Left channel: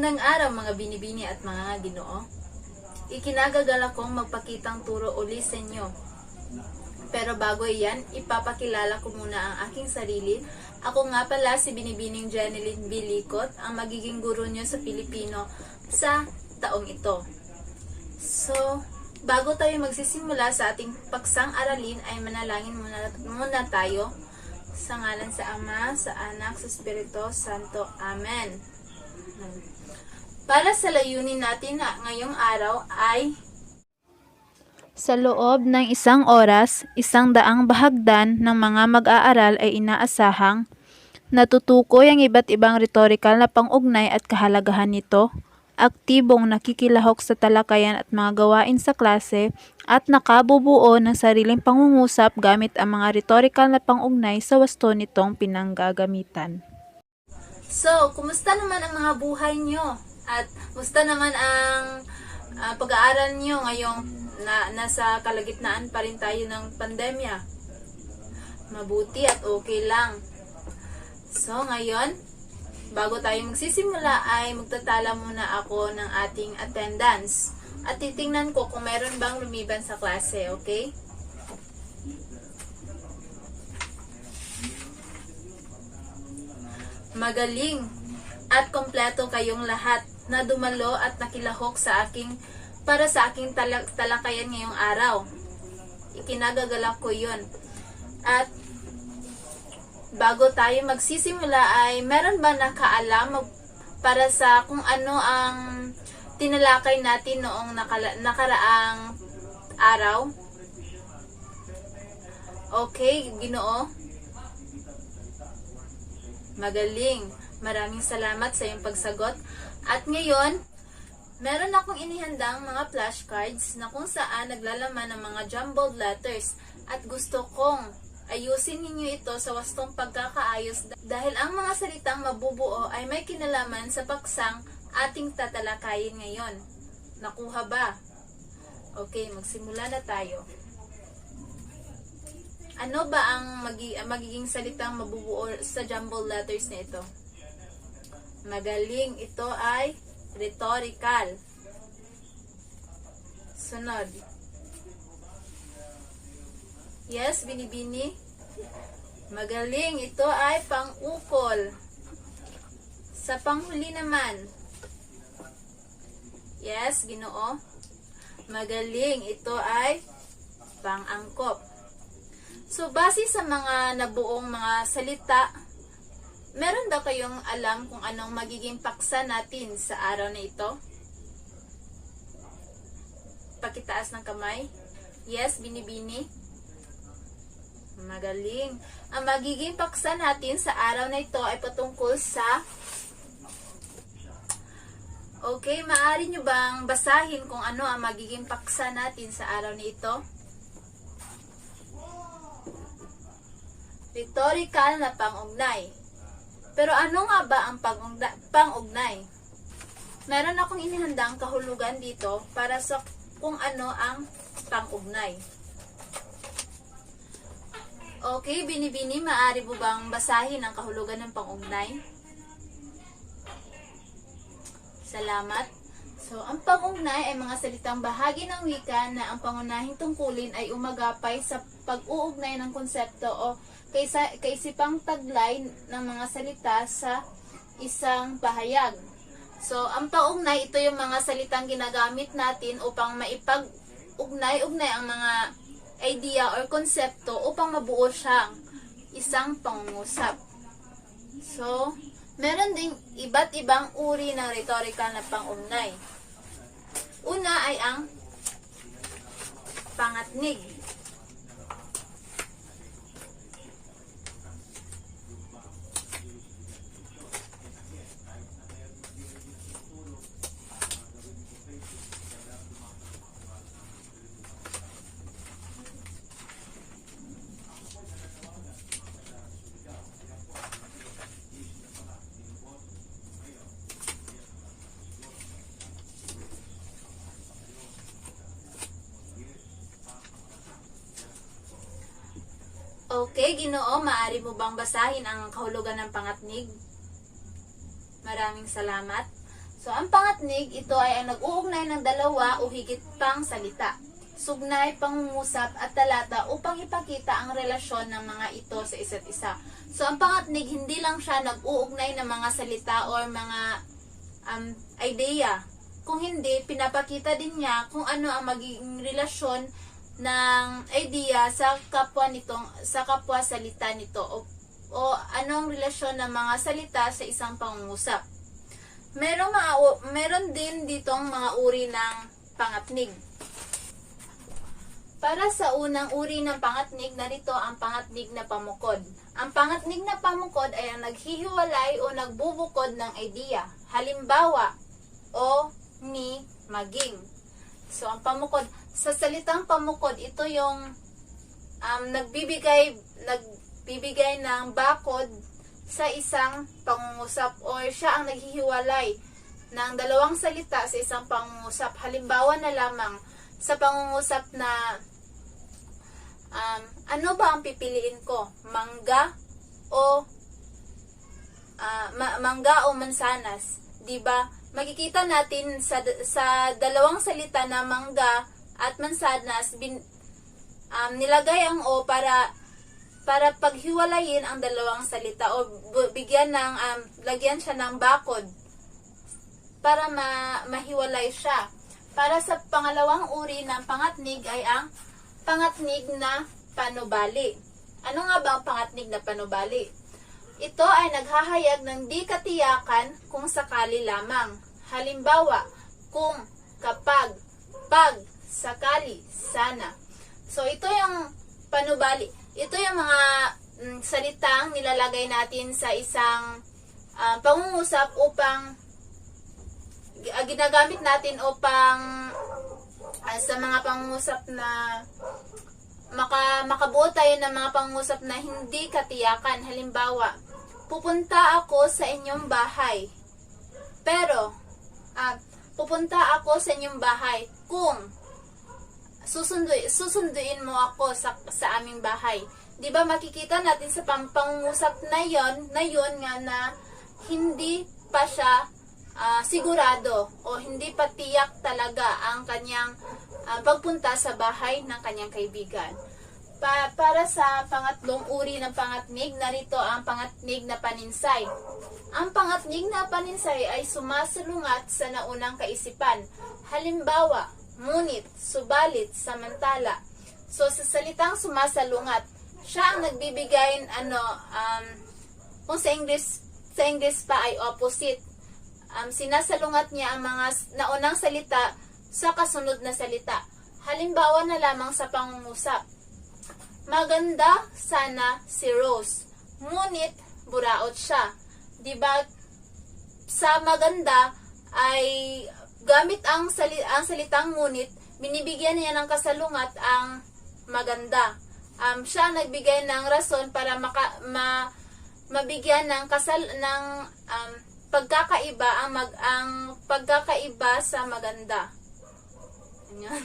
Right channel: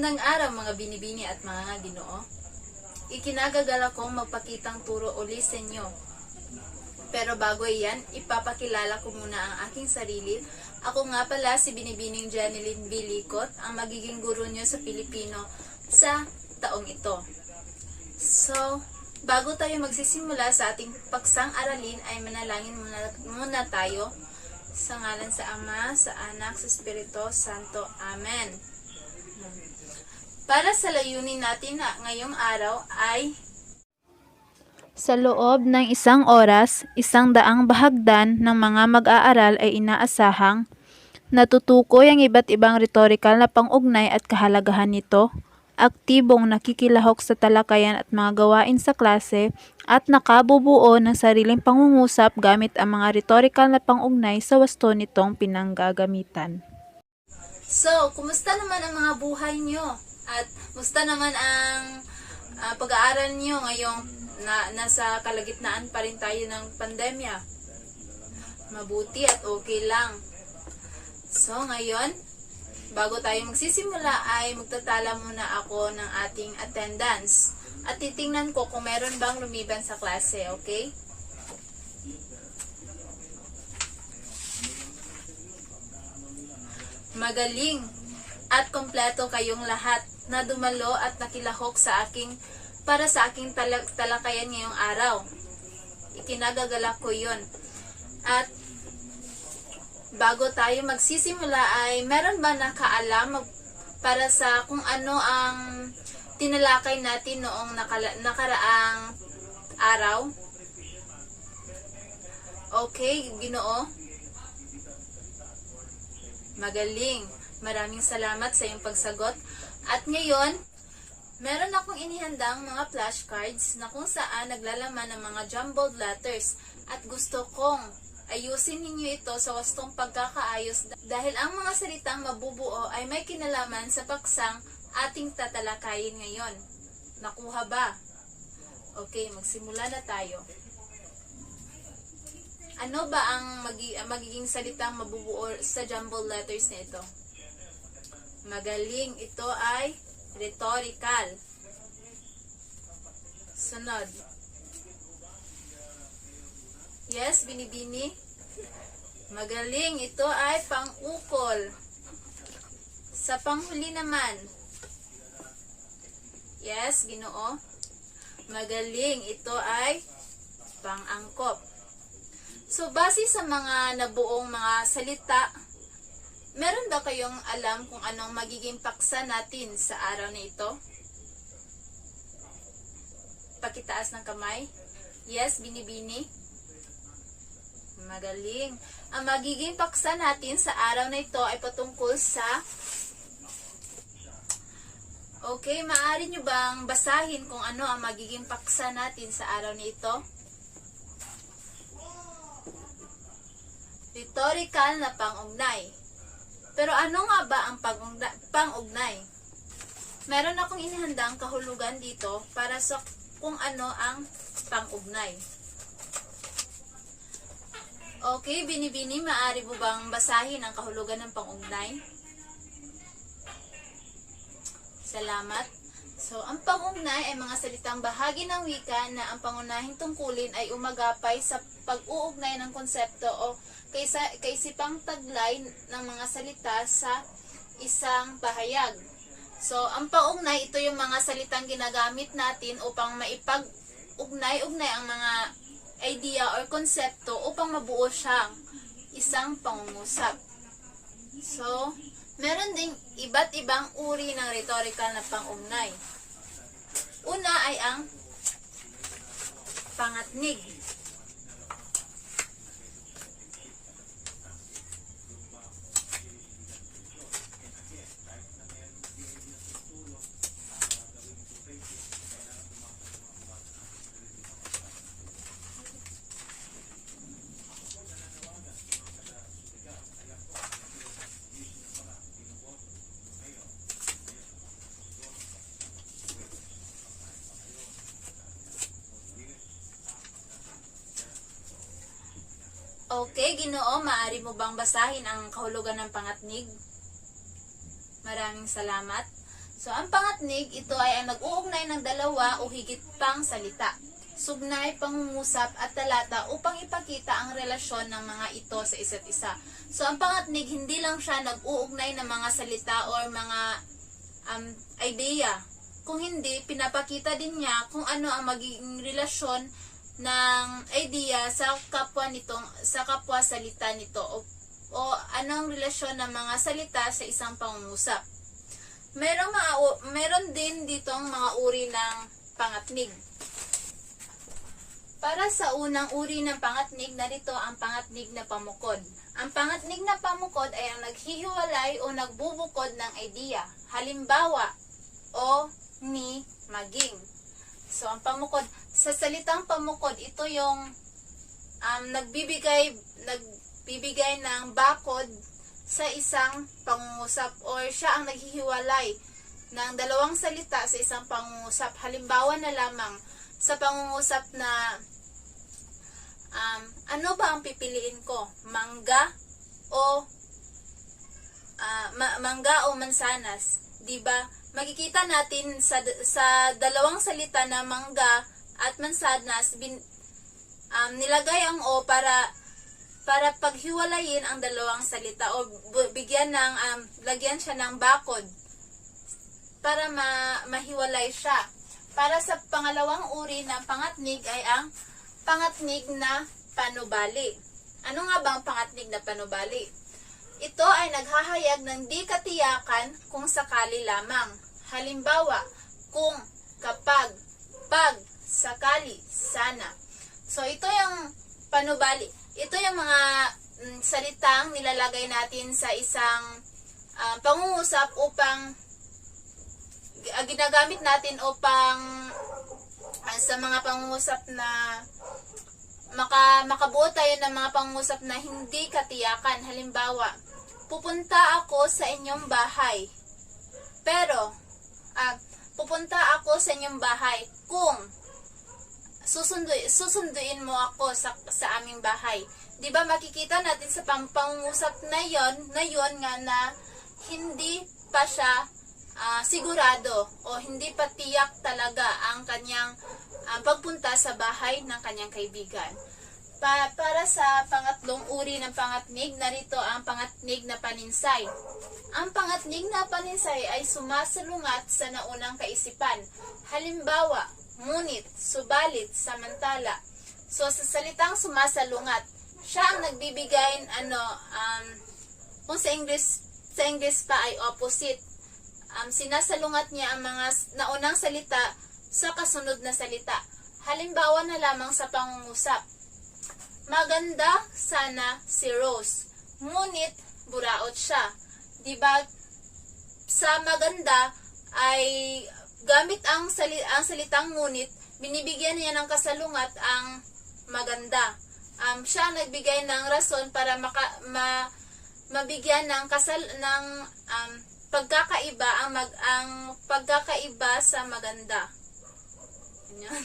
Magandang araw mga binibini at mga Ginoo. Ikinagagala kong magpakitang turo uli sa inyo. Pero bago iyan, ipapakilala ko muna ang aking sarili. Ako nga pala si Binibining Jeneline Bilikot, ang magiging guro nyo sa Pilipino sa taong ito. So, bago tayo magsisimula sa ating paksang aralin ay manalangin muna tayo. Sa ngalan sa Ama, sa Anak, sa Espiritu Santo. Amen. Para sa layunin natin na ngayong araw ay sa loob ng 1 oras, 100 bahagdan ng mga mag-aaral ay inaasahang natutukoy ang iba't ibang rhetorical na pang-ugnay at kahalagahan nito, aktibong nakikilahok sa talakayan at mga gawain sa klase, at nakabubuo ng sariling pangungusap gamit ang mga rhetorical na pang-ugnay sa wasto nitong pinanggagamitan. So, kumusta naman ang mga buhay nyo? At kumusta naman ang pag-aaral nyo ngayong nasa kalagitnaan pa rin tayo ng pandemya? Mabuti at okay lang. So, ngayon, bago tayo magsisimula ay magtatala muna ako ng ating attendance. At titingnan ko kung meron bang lumiban sa klase, okay? Magaling at kompleto kayong lahat na dumalo at nakilahok para sa aking talakayan ngayong araw. Ikinagagalak ko yon. At bago tayo magsisimula ay meron ba nakaalam para sa kung ano ang tinalakay natin noong nakaraang araw? Okay, Ginoo. Magaling. Maraming salamat sa iyong pagsagot. At ngayon, meron akong inihandang mga flashcards na kung saan naglalaman ng mga jumbled letters at gusto kong ayusin ninyo ito sa wastong pagkakaayos dahil ang mga salitang mabubuo ay may kinalaman sa paksang ating tatalakayin ngayon. Nakuha ba? Okay, magsimula na tayo. Ano ba ang magiging salitang mabubuo sa jumbled letters na ito? Magaling. Ito ay rhetorical. Sunod. Yes, Binibini. Magaling. Ito ay pang-ukol. Sa panghuli naman. Yes, Ginoo. Magaling. Ito ay pang-angkop. So, base sa mga nabuong mga salita, meron ba kayong alam kung anong magiging paksa natin sa araw na ito? Pakitaas ng kamay. Yes, Binibini. Magaling. Ang magiging paksa natin sa araw na ito ay patungkol sa... Okay, maaari nyo bang basahin kung ano ang magiging paksa natin sa araw na ito? Rhetorical na pang-ugnay. Pero ano nga ba ang pang-ugnay? Meron akong inihandang kahulugan dito para sa kung ano ang pang-ugnay. Okay, Binibini, maaari mo bang basahin ang kahulugan ng pang-ugnay? Salamat. So, ang pang-ugnay ay mga salitang bahagi ng wika na ang pangunahing tungkulin ay umagapay sa pag-uugnay ng konsepto o kaisipang taglay ng mga salita sa isang pahayag. So, ang pang-ugnay, ito yung mga salitang ginagamit natin upang maipag-ugnay-ugnay ang mga idea or konsepto upang mabuo siyang isang pangungusap. So, meron ding iba't ibang uri ng rhetorical na pang-ugnay. Una ay ang pangatnig. Okay, Ginoo, maaari mo bang basahin ang kahulugan ng pangatnig? Maraming salamat. So, ang pangatnig, ito ay ang nag-uugnay ng dalawa o higit pang salita, sugnay, pangungusap at talata upang ipakita ang relasyon ng mga ito sa isa't isa. So, ang pangatnig, hindi lang siya nag-uugnay ng mga salita or mga idea. Kung hindi, pinapakita din niya kung ano ang magiging relasyon ng idea sa kapwa salita nito o anong relasyon ng mga salita sa isang pangungusap. Meron din ditong mga uri ng pangatnig. Para sa unang uri ng pangatnig, narito ang pangatnig na pamukod. Ang pangatnig na pamukod ay ang naghihiwalay o nagbubukod ng idea. Halimbawa, o, ni, maging. So, ang pamukod, sa salitang pamukod, ito yung nagbibigay ng bakod sa isang pangungusap or siya ang naghihiwalay ng dalawang salita sa isang pangungusap. Halimbawa na lamang sa pangungusap na ano ba ang pipiliin ko? Mangga o mansanas, 'di ba? Makikita natin sa dalawang salita na mangga at mansanas nilagay ang o para paghiwalayin ang dalawang salita o bigyan ng lagyan siya ng bakod para mahiwalay siya. Para sa pangalawang uri ng pangatnig ay ang pangatnig na panubali. Ano nga ba ang pangatnig na panubali? Ito ay naghahayag ng di katiyakan kung sakali lamang. Halimbawa, kung, kapag, pag, sakali, sana. So ito yung panubali. Ito yung mga salitang nilalagay natin sa isang pangungusap upang ginagamit natin upang sa mga pangungusap na makabuo tayo ng mga pangungusap na hindi katiyakan. Halimbawa, pupunta ako sa inyong bahay. Pero, pupunta ako sa inyong bahay kung susunduin mo ako sa aming bahay. 'Di ba makikita natin sa pangungusap na yon nga na hindi pa siya sigurado o hindi pa tiyak talaga ang kanyang pagpunta sa bahay ng kanyang kaibigan. Para sa pangatlong uri ng pangatnig, narito ang pangatnig na paninsay. Ang pangatnig na paninsay ay sumasalungat sa naunang kaisipan. Halimbawa, ngunit, subalit, samantala. So, sa salitang sumasalungat, siya ang nagbibigay, kung sa English pa ay opposite. Sinasalungat niya ang mga naunang salita sa kasunod na salita. Halimbawa na lamang sa pangungusap. Maganda sana si Rose, ngunit buraot siya. Diba, sa maganda ay gamit ang salitang ngunit, binibigyan niya ng kasalungat ang maganda. Siya ang nagbigay ng rason para mabigyan ng pagkakaiba ang pagkakaiba sa maganda. Ayan.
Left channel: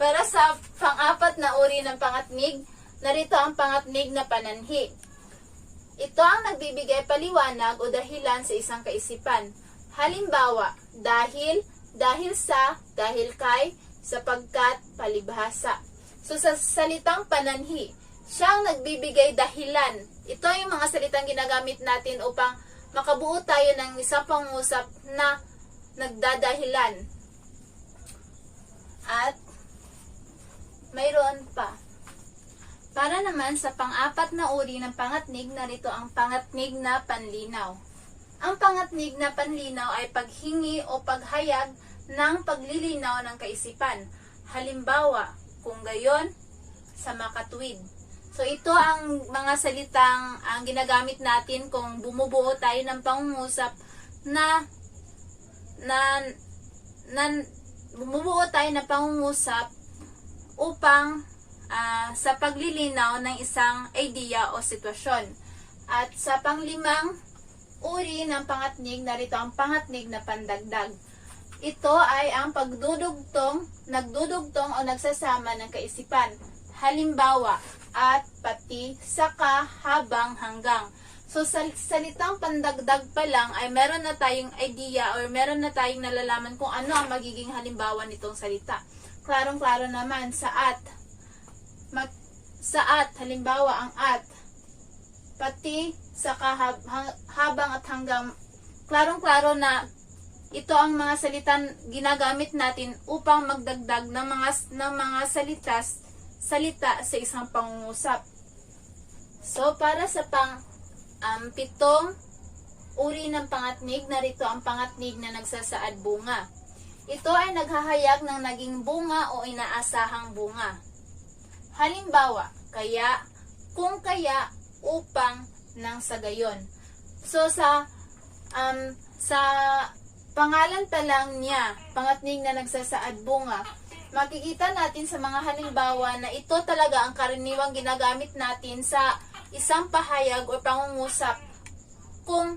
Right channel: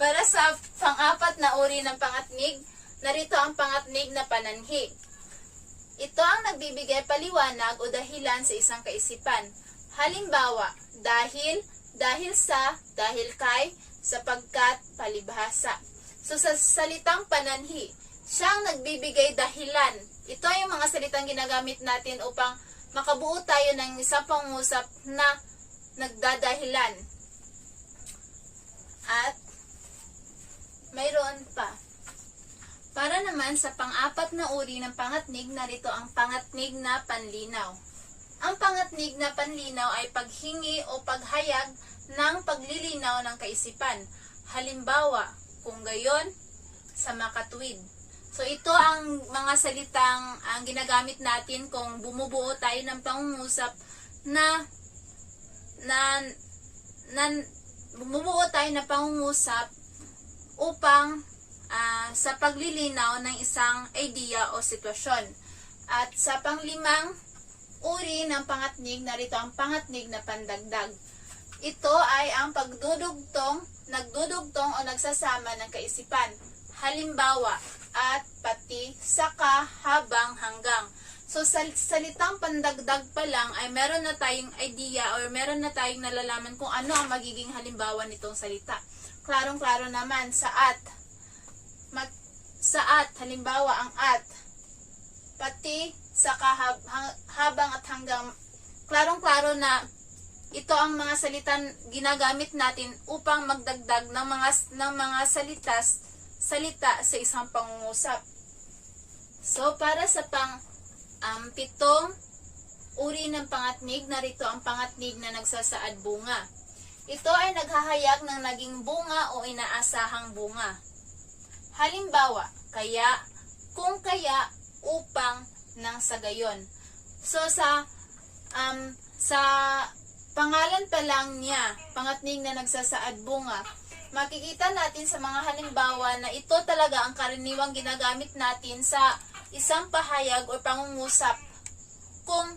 Para sa pang-apat na uri ng pangatnig, narito ang pangatnig na pananhi. Ito ang nagbibigay paliwanag o dahilan sa isang kaisipan. Halimbawa, dahil sa, dahil kay, sapagkat, palibhasa. So sa salitang pananhi, siya ang nagbibigay dahilan. Ito ay yung mga salitang ginagamit natin upang makabuo tayo ng isang pangusap na nagdadahilan. At mayroon pa. Para naman sa pang-apat na uri ng pangatnig, narito ang pangatnig na panlinaw. Ang pangatnig na panlinaw ay paghingi o paghayag ng paglilinaw ng kaisipan. Halimbawa, kung gayon, sa makatuwid. So ito ang mga salitang ang ginagamit natin kung bumubuo tayo ng pangungusap na bumubuo tayo ng pangungusap upang sa paglilinaw ng isang idea o sitwasyon. At sa panglimang uri ng pangatnig, narito ang pangatnig na pandagdag. Ito ay ang nagdudugtong o nagsasama ng kaisipan. Halimbawa, at, pati, saka, habang, hanggang. So, sa salitang pandagdag pa lang ay meron na tayong idea or meron na tayong nalalaman kung ano ang magiging halimbawa nitong salita. Klarong-klaro naman, sa at, halimbawa ang at, pati sa habang at hanggang, klarong-klaro na ito ang mga salitang ginagamit natin upang magdagdag ng mga salita sa isang pangungusap. So, para sa pitong uri ng pangatnig, narito ang pangatnig na nagsasaad bunga. Ito ay naghahayag ng naging bunga o inaasahang bunga. Halimbawa, kaya, kung kaya, upang, nang sa gayon. So, sa pangalan pa lang niya, pangatnig na nagsasaad bunga, makikita natin sa mga halimbawa na ito talaga ang karaniwang ginagamit natin sa isang pahayag o pangungusap kung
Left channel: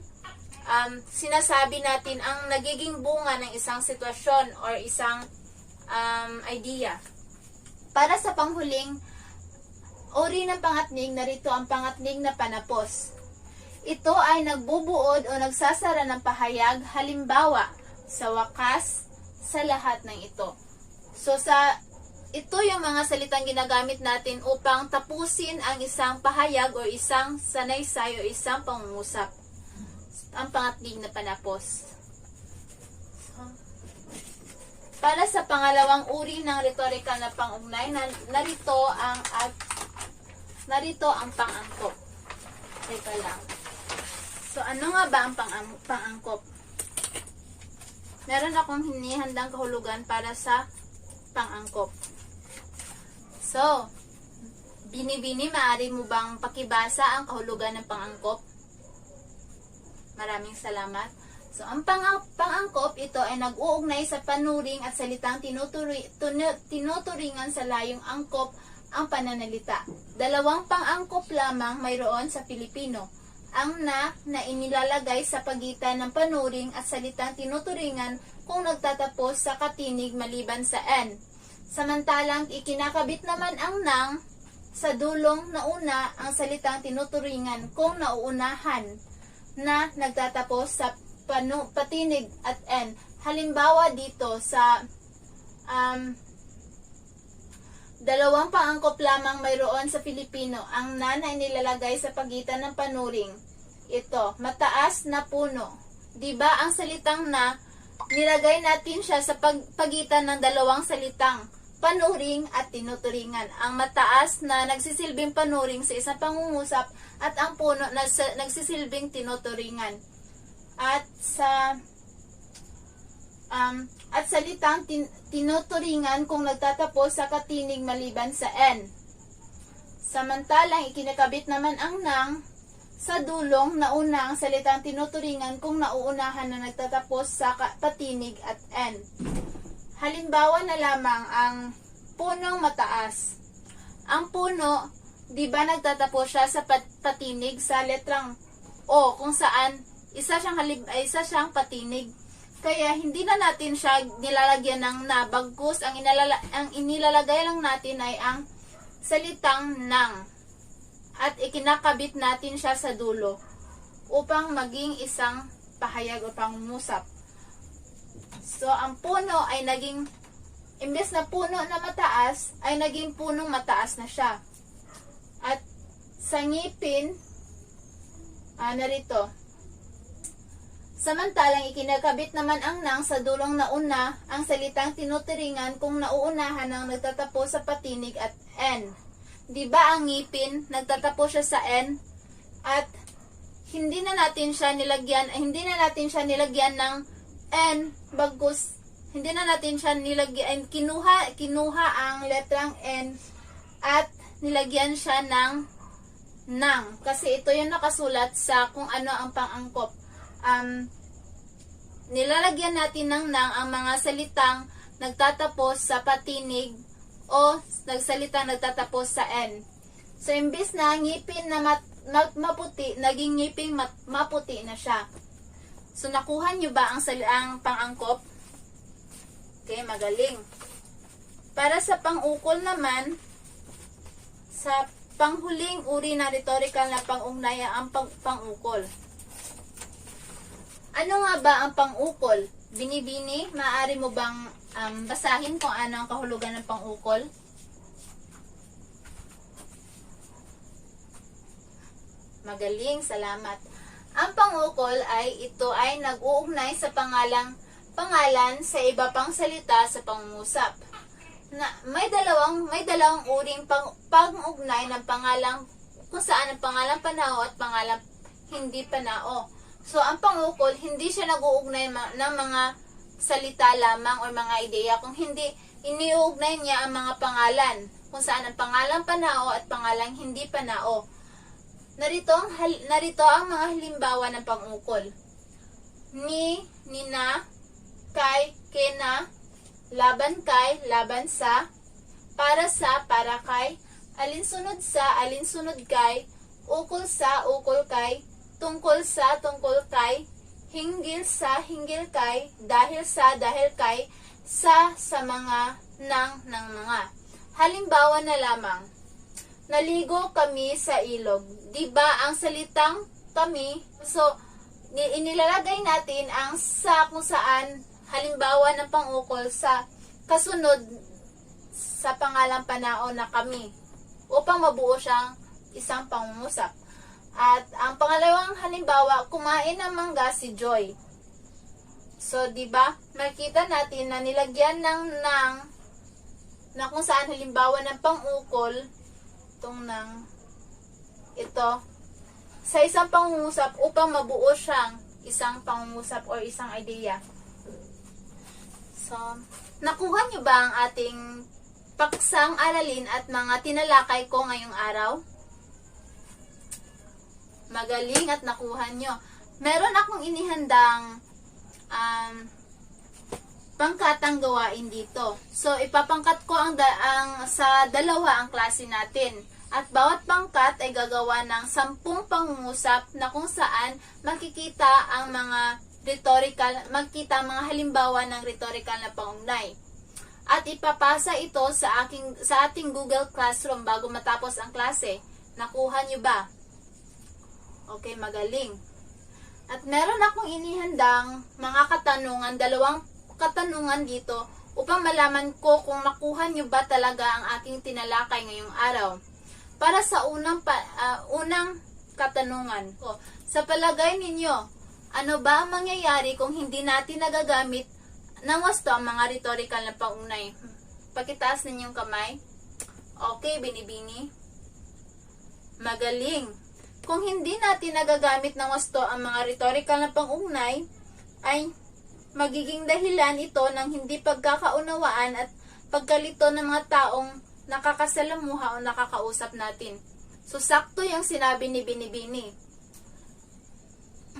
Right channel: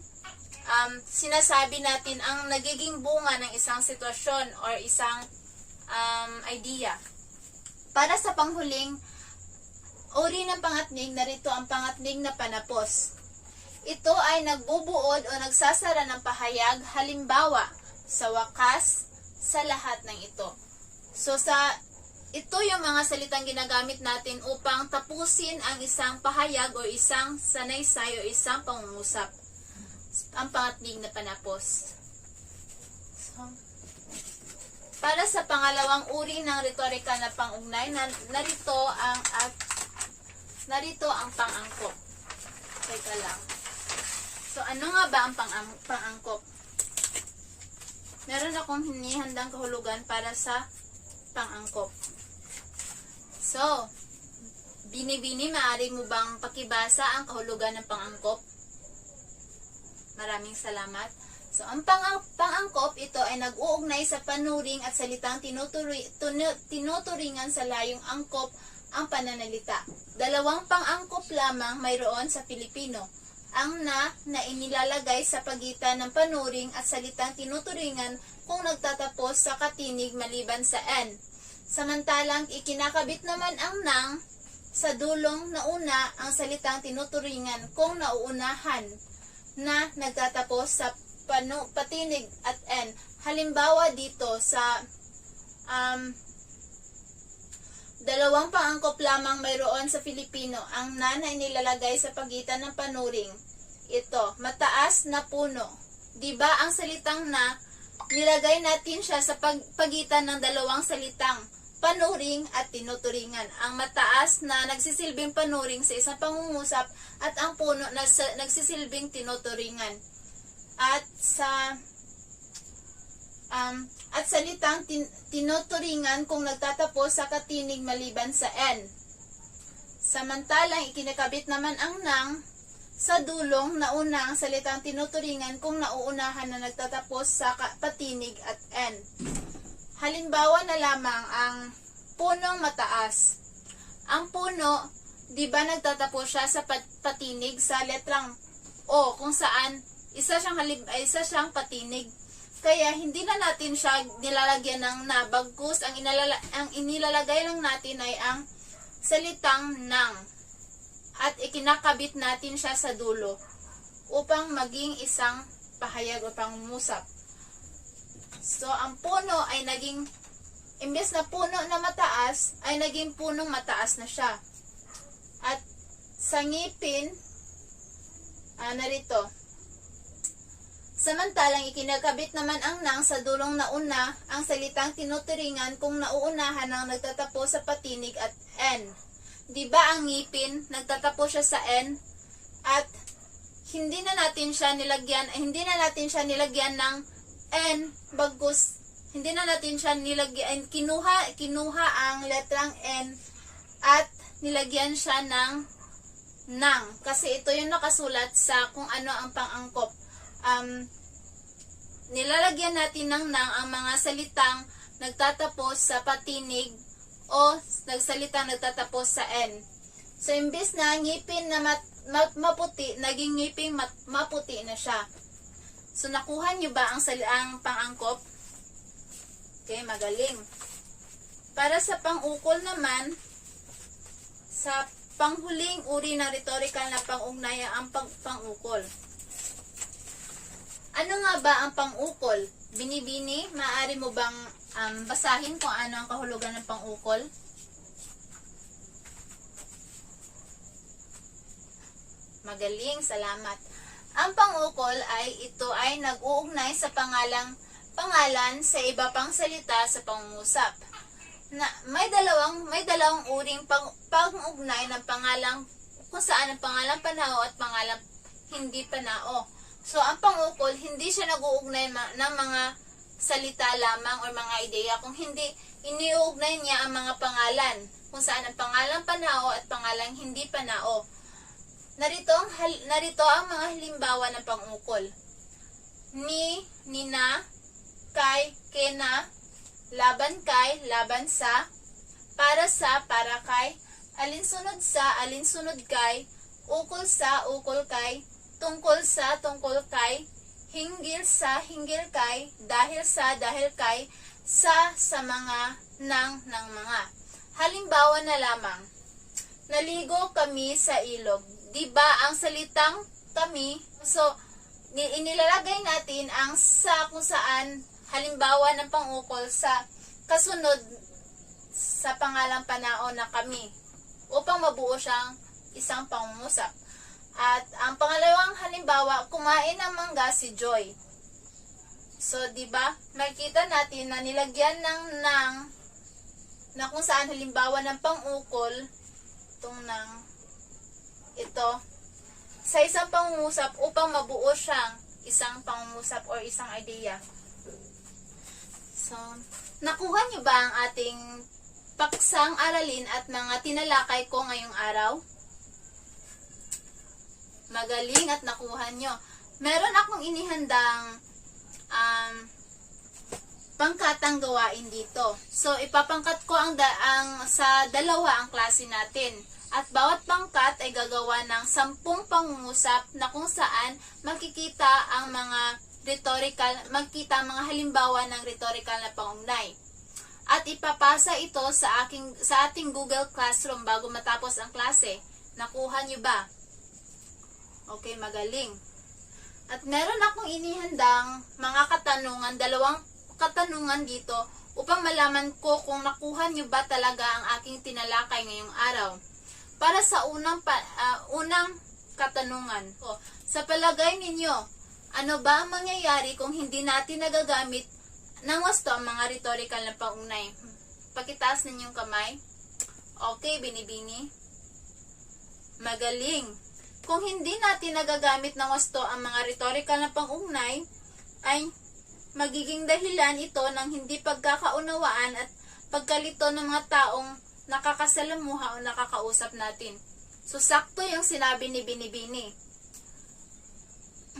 sinasabi natin ang nagiging bunga ng isang sitwasyon or isang idea. Para sa panghuling uri ng pangatnig, narito ang pangatnig na panapos. Ito ay nagbubuod o nagsasara ng pahayag, halimbawa, sa wakas, sa lahat ng ito. So, ito yung mga salitang ginagamit natin upang tapusin ang isang pahayag o isang sanaysay o isang pangungusap. Ang pangatnig na panapos. So, para sa pangalawang uri ng rhetorical na pangugnay, narito ang pang-angkop. Teka lang. So, ano nga ba ang pang-angkop? Meron akong hinihandang kahulugan para sa pang-angkop. So, Bini-Bini, maaari mo bang pakibasa ang kahulugan ng pang-angkop? Maraming salamat. So, ang pang-angkop, ito ay nag-uugnay sa panuring at salitang tinuturingan sa layong angkop ang pananalita. Dalawang pang-angkop lamang mayroon sa Pilipino. Ang na inilalagay sa pagitan ng panuring at salitang tinuturingan kung nagtatapos sa katinig maliban sa N. Samantalang ikinakabit naman ang nang sa dulong na una ang salitang tinuturingan kung nauunahan na nagtatapos sa patinig at N. Halimbawa dito sa dalawang pang-angkop lamang mayroon sa Filipino, ang na inilalagay sa pagitan ng panuring. Ito, mataas na puno. Diba ang salitang na, nilagay natin siya sa pagitan ng dalawang salitang panuring at tinuturingan. Ang mataas na nagsisilbing panuring sa isang pangungusap at ang puno na nagsisilbing tinuturingan. At salitang tinuturingan kung nagtatapos sa katinig maliban sa N. Samantalang ikinakabit naman ang nang sa dulong na una ang salitang tinuturingan kung nauunahan na nagtatapos sa patinig at N. Halimbawa na lamang ang punong mataas. Ang puno, di ba nagtatapos siya sa patinig sa letrang O kung saan isa siyang patinig. Kaya hindi na natin siya nilalagyan ng na, bagkus ang inilalagay lang natin ay ang salitang nang. At ikinakabit natin siya sa dulo upang maging isang pahayag o pangungusap. So, ang puno ay naging, imbes na puno na mataas, ay naging punong mataas na siya. At sa ngipin, narito, samantalang ikinakabit naman ang nang sa dulong na una ang salitang tinuturingan kung nauunahan ang nagtatapos sa patinig at N. Diba ang ngipin, nagtatapos siya sa N at hindi na natin siya nilagyan ng N bagus. Hindi na natin siya nilagyan, kinuha ang letrang N at nilagyan siya ng nang. Kasi ito yung nakasulat sa kung ano ang pang-angkop. Nilalagyan natin ng nang ang mga salitang nagtatapos sa patinig o nagsalitang nagtatapos sa N. So, imbis na ngipin na maputi, naging ngiping maputi na siya. So, nakuha nyo ba ang pang-angkop? Okay, magaling. Para sa pang-ukol naman, sa Panghuling uri ng rhetorical na pang-ugnay ang pang-ukol. Ano nga ba ang pang-ukol? Binibini, maaari mo bang basahin kung ano ang kahulugan ng pang-ukol? Magaling, salamat. Ang pang-ukol ito ay nag-uugnay sa pangalan sa iba pang salita sa pangungusap. May dalawang uring pang-ugnay ng pangalang kung saan ang pangalang panao at pangalang hindi panao. So, ang pang-ukol, hindi siya nag-uugnay ng mga salita lamang o mga ideya, kung hindi iniuugnay niya ang mga pangalan, kung saan ang pangalang panao at pangalang hindi panao. Narito ang mga halimbawa ng pang-ukol. Ni, nina, kay, kena, laban kay, laban sa, para kay, alinsunod sa, alinsunod kay, ukol sa, ukol kay, tungkol sa, tungkol kay, hinggil sa, hinggil kay, dahil sa, dahil kay, sa mga, ng mga. Halimbawa na lamang, naligo kami sa ilog. Diba ang salitang kami, so inilalagay natin ang sa kung saan halimbawa ng pang-ukol sa kasunod sa pangalang panao na kami upang mabuo siyang isang pangungusap. At ang pangalawang halimbawa, kumain ng mangga si Joy. So, di ba? Makita natin na nilagyan na kung saan halimbawa ng pang-ukol itong ito sa isang pangungusap upang mabuo siyang isang pangungusap or isang idea. So, nakuha niyo ba ang ating paksang aralin at mga tinalakay ko ngayong araw? Magaling at nakuha nyo. Meron akong inihandang pangkatang gawain dito. So, ipapangkat ko sa dalawa ang klase natin. At bawat pangkat ay gagawa ng 10 pangungusap na kung saan makikita ang mga mga halimbawa ng rhetorical na pangugnay. At ipapasa ito sa ating Google Classroom bago matapos ang klase. Nakuha nyo ba? Okay, magaling. At meron akong inihandang mga katanungan, 2 katanungan dito upang malaman ko kung nakuha nyo ba talaga ang aking tinalakay ngayong araw. Para sa unang katanungan ko, sa palagay ninyo, ano ba ang mangyayari kung hindi natin nagagamit ng wasto ang mga rhetorical na pangugnay? Pakitaas ninyong kamay. Okay, binibini. Magaling. Kung hindi natin nagagamit ng wasto ang mga rhetorical na pangugnay, ay magiging dahilan ito ng hindi pagkakaunawaan at pagkalito ng mga taong nakakasalamuha o nakakausap natin. So, sakto yung sinabi ni Binibini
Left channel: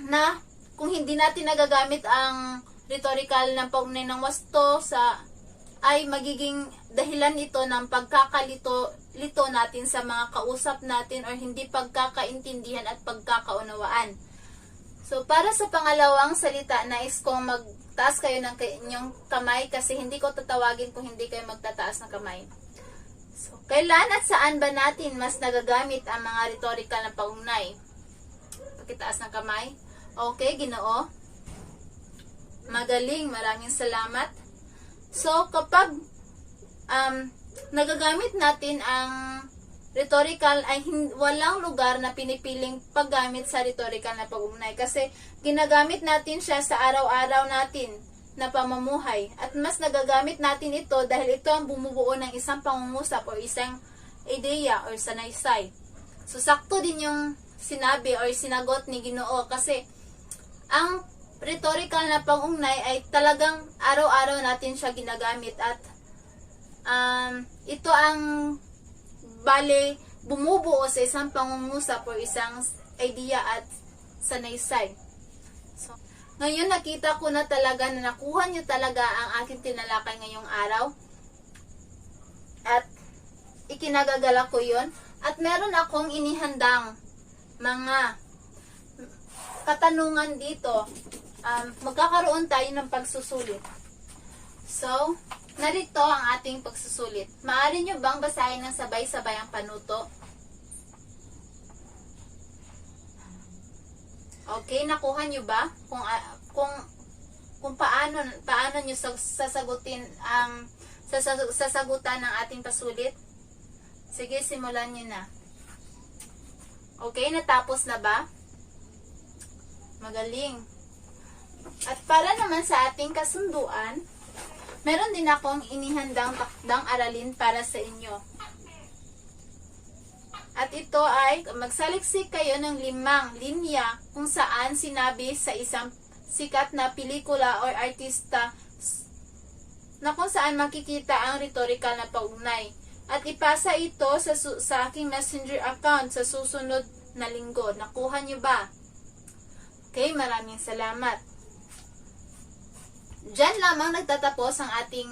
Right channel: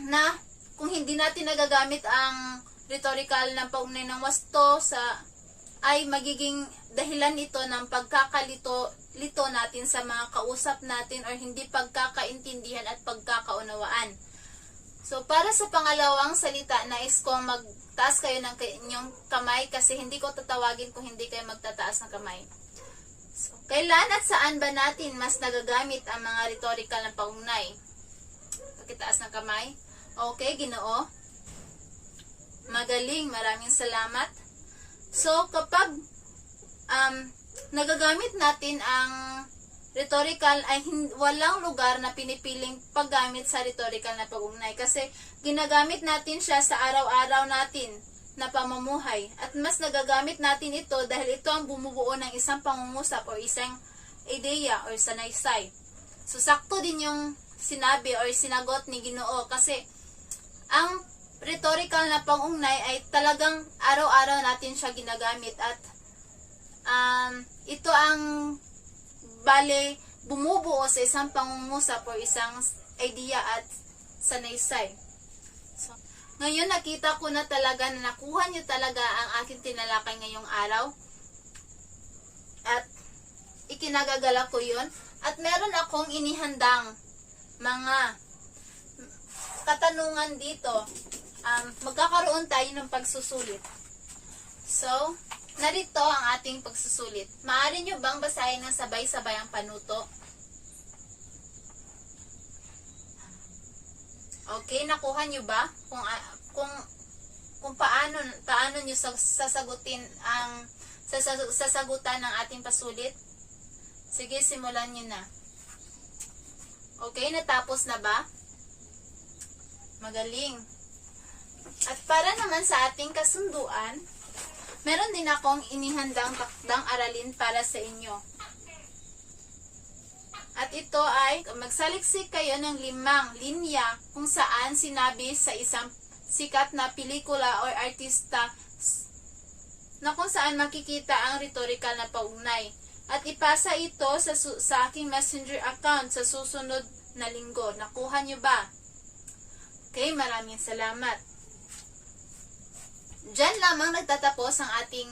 na kung hindi natin nagagamit ang rhetorical ng pangugnay ng wasto ay magiging dahilan ito ng pagkakalito natin sa mga kausap natin or hindi pagkakaintindihan at pagkakaunawaan. So, para sa pangalawang salita, nais kong magtaas kayo ng inyong kamay kasi hindi ko tatawagin kung hindi kayo magtataas ng kamay. So, kailan at saan ba natin mas nagagamit ang mga rhetorical na pangugnay? Pakitaas ng kamay. Okay, Ginoo. Magaling, maraming salamat. So, kapag nagagamit natin ang rhetorical ay walang lugar na pinipiling paggamit sa rhetorical na pangugnay kasi ginagamit natin siya sa araw-araw natin na pamumuhay at mas nagagamit natin ito dahil ito ang bumubuo ng isang pangungusap o isang ideya o sanaysay. So, sakto din yung sinabi o sinagot ni Ginoo kasi ang rhetorical na pangugnay ay talagang araw-araw natin siya ginagamit at ito ang bumubuo sa isang pangungusap o isang idea at sanaysay. So, ngayon nakita ko na talaga na nakuha nyo talaga ang aking tinalakay ngayong araw. At ikinagagala ko yon. At meron akong inihandang mga katanungan dito. Magkakaroon tayo ng pagsusulit. So, narito ang ating pagsusulit. Maaari nyo bang basahin ng sabay-sabay ang panuto? Okay, nakuha nyo ba? Kung paano nyo sasagutin ang sasagutan ng ating pasulit? Sige, simulan nyo na. Okay, natapos na ba? Magaling. At para naman sa ating kasunduan, meron din akong inihandang takdang aralin para sa inyo. At ito ay magsaliksik kayo ng 5 linya kung saan sinabi sa isang sikat na pelikula o artista na kung saan makikita ang rhetorical na paugnay. At ipasa ito sa aking messenger account sa susunod na linggo. Nakuha nyo ba? Okay, maraming salamat. Diyan lamang nagtatapos ang ating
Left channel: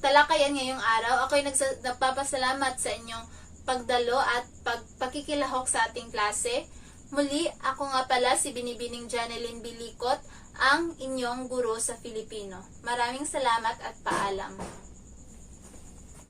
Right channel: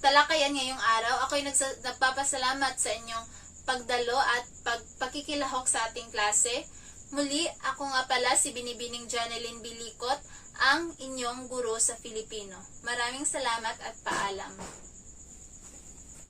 talakayan ngayong araw. Ako'y nagpapasalamat sa inyong pagdalo at pagpakikilahok sa ating klase. Muli, ako nga pala si Binibining Janeline Bilikot, ang inyong guro sa Filipino. Maraming salamat at paalam.